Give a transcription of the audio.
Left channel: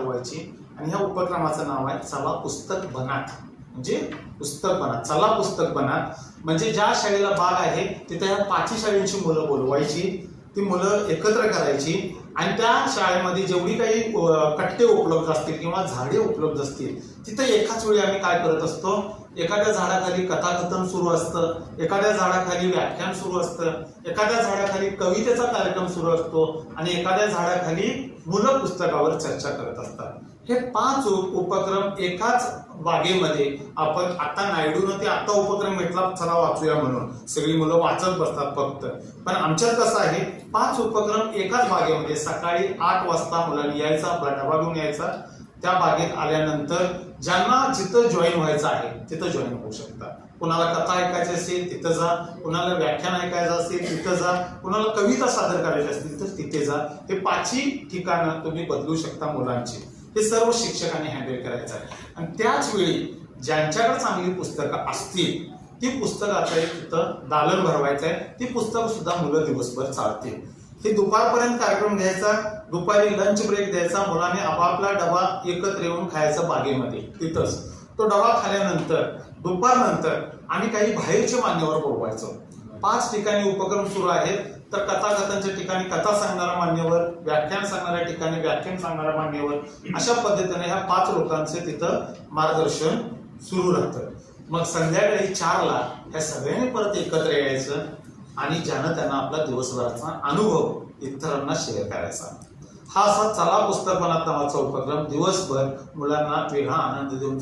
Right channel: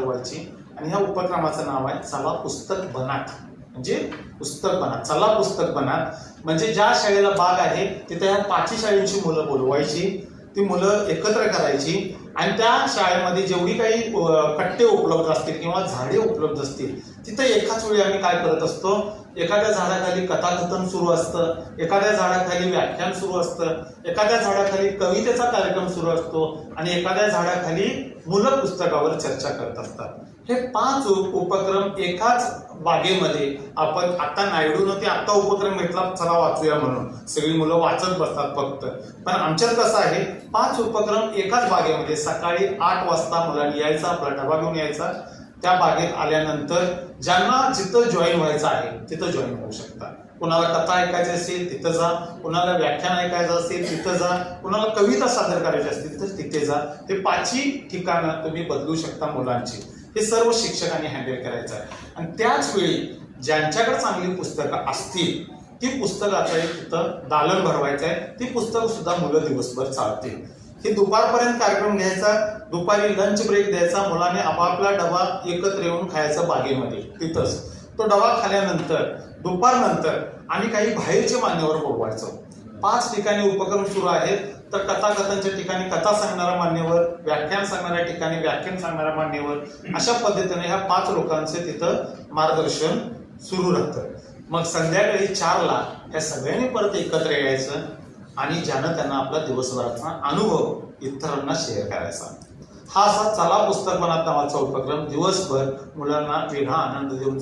ठरवायची आणि ह्या उपक्रमाचं नाव आहे चला पुस्तक बनात. म्हणजे पुस्तक बनात, चला पुस्तक बनात. म्हणजे ज्या शाळेला बाग आहे तिथे ह्या 5 शाळेंची मुलं बोलवायची, ती मुलं एकत्र करायची आणि त्या शाळेमध्ये जेवढी काही कट्टे उपलब्ध असतील किंवा झाडे उपलब्ध असतील तिथे एकाच वेळी आम्ही काय करत असतो, एखाद्या झाडाखाली कथाकथन सुरू असतं, एखाद्या झाडाखाली व्याख्यान सुरू असतं, एखाद्या झाडाखाली कवितेचा कार्यक्रम सुरू असतो आणि एखाद्या झाडाखाली मुलं पुस्तकावर चर्चा करत असतात. हे 5 उपक्रम एकाच बागेमध्ये आपण आता नायडूनं ते आता उपक्रम घेतला चला वाचूया म्हणून, सगळी मुलं वाचत बसतात फक्त. पण आमच्यात कसं आहे 5 उपक्रम एकाच बागेमध्ये सकाळी 8 वाजता मुलांनी यायचा, आपला डबा घेऊन यायचा. त्या बागेत आल्यानंतर ज्यांना जिथं जॉईन व्हायचं आहे तिथं जॉईन होऊ शकतात. कुणाला कथा ऐकायची असेल तिथं जा, कुणाला व्याख्यान ऐकायचं असेल तिथं जा, कुणाला कविता सादर करायची असतील तर तिथे जा. हे 5 ठिकाणं तुम्ही बदलू शकता मुलांची. हे सर्व शिक्षकांनी हँडल करायचं आहे. आणि त्याच वेळी ज्यांच्याकडे चांगली पुस्तकं असतील ती पुस्तकाचं तिथं दालन भरवायचं आहे. ती पुस्तकं सुद्धा मुलं दिवसभर चालतील. हे दुपारपर्यंत कार्यक्रम घ्यायचा, दुपारी लंच ब्रेक द्यायचा, मुलांनी आपापला डबा एकत्र येऊन खायचा बागेमध्ये तिथंच. तो डबा खाल्यानंतर दुपारनंतर आम्ही काही बाहेरचे मान्यवर बोलवायचो. 5 ठिकाणी उपक्रम सुरू आहेत, तर कथाकथनच्या ठिकाणी कथा सांगणारा मान्यवर, व्याख्यान सांगणाऱ्या ठिकाणी व्याख्यान सांगणारा मान्यवर, अशा पद्धतीने ह्या 5 लोकांचे तिथं मार्गदर्शन सुरू राहतं. मग संध्याकाळी 4ला या सगळ्यांनी परत एकत्र यायचं आणि ज्यानं त्यांना आपला दिवसभराचा अनुभव इतरांना शेअर करायचा. हा असा चला पुस्तक बनात नावाचा उपक्रम दिवसभर मुलांना वेगळा आनंद देऊन